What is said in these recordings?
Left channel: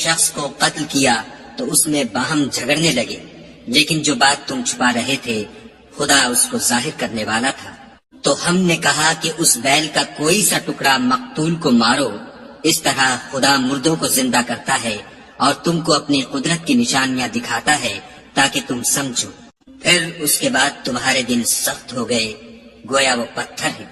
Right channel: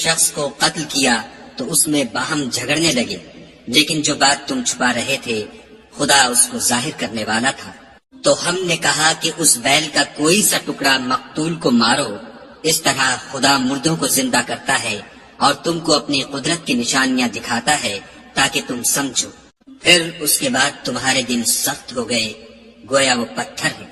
شخص کو قتل کیا تو اس میں باہم جھگڑنے لگے، لیکن جو بات تم چھپا رہے تھے خدا اس کو ظاہر کرنے والا تھا۔ تو ہم نے کہا کہ اس بیل کا کوئی سا ٹکڑا مقتول کو مارو، اس طرح خدا مردوں کو زندہ کرتا ہے اور تم کو اپنی قدرت کی نشانیاں دکھاتا ہے تاکہ تم سمجھو۔ پھر اس کے بعد تمہارے دن سخت ہو گئے، گویا وہ پتھر ہے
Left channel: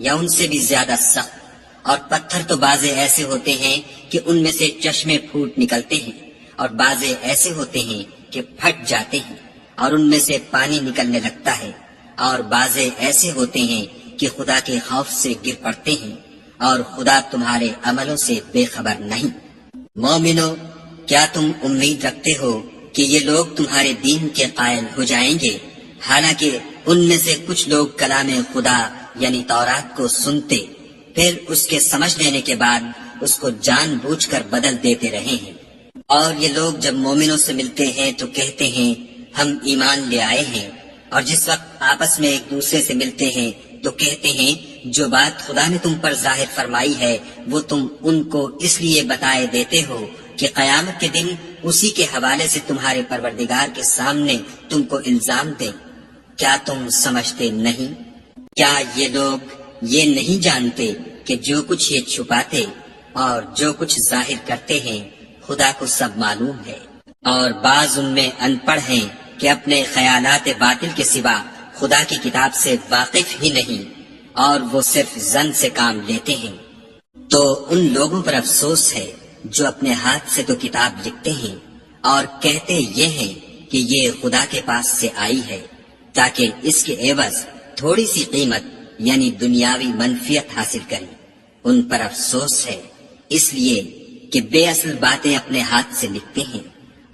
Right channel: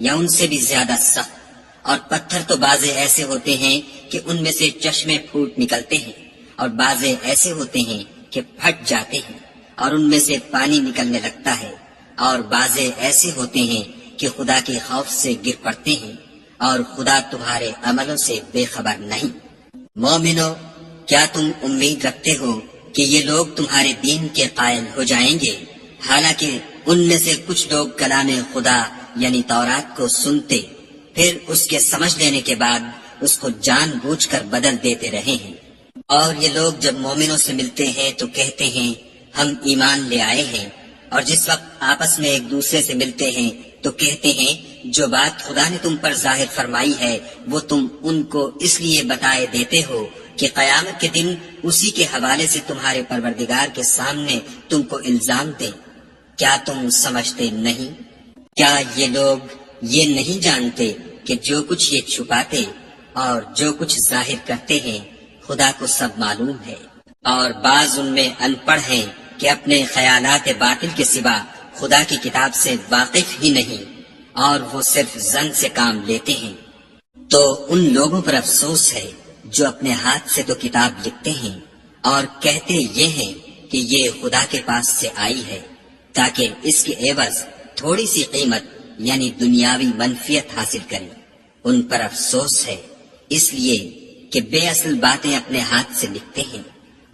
یا ان سے بھی زیادہ سخت، اور پتھر تو بعضے ایسے ہوتے ہیں کہ ان میں سے چشمے پھوٹ نکلتے ہیں، اور بعضے ایسے ہوتے ہیں کہ پھٹ جاتے ہیں اور ان میں سے پانی نکلنے لگتا ہے، اور بعضے ایسے ہوتے ہیں کہ خدا کے خوف سے گر پڑتے ہیں، اور خدا تمہارے عملوں سے بے خبر نہیں۔ مومنو، کیا تم امید رکھتے ہو کہ یہ لوگ تمہارے دین کے قائل ہو جائیں گے، حالانکہ ان میں سے کچھ لوگ کلام خدا یعنی تورات کو سنتے، پھر اس کے سمجھ لینے کے بعد اس کو جان بوجھ کر بدل دیتے رہے ہیں۔ اور یہ لوگ جب مومنوں سے ملتے ہیں تو کہتے ہیں ہم ایمان لے آئے ہیں، اور جس وقت آپس میں ایک دوسرے سے ملتے ہیں تو کہتے ہیں جو بات خدا نے تم پر ظاہر فرمائی ہے وہ تم ان کو اس لیے بتائے دیتے ہو کہ قیامت کے دن اسی کے حوالے سے تمہارے پروردگار کے سامنے تم کو الزام دیں۔ کیا تم سمجھتے نہیں؟ کیا یہ لوگ یہ نہیں جانتے کہ جو کچھ یہ چھپاتے اور جو کچھ ظاہر کرتے ہیں خدا کو سب معلوم ہے؟ اور بعض ان میں ان پڑھ ہیں کہ اپنے خیالات باطل کے سوا خدا کی کتاب سے واقف ہی نہیں، اور وہ صرف ظن سے کام لیتے ہیں۔ تو ان لوگوں پر افسوس ہے جو اپنے ہاتھ سے تو کتاب لکھتے ہیں اور کہتے یہ ہیں کہ یہ خدا کے پاس سے آئی ہے تاکہ اس کے عوض تھوڑی سی قیمت یعنی دنیاوی منفیت حاصل کریں۔ ان پر افسوس ہے اس لیے کہ بے اصل باتیں اپنے ہاتھ سے لکھتے ہیں،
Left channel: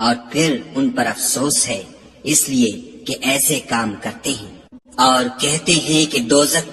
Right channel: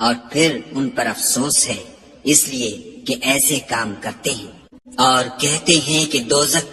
اور پھر ان پر افسوس ہے اس لیے کہ ایسے کام کرتے ہیں، اور کہتے ہیں کہ دوزخ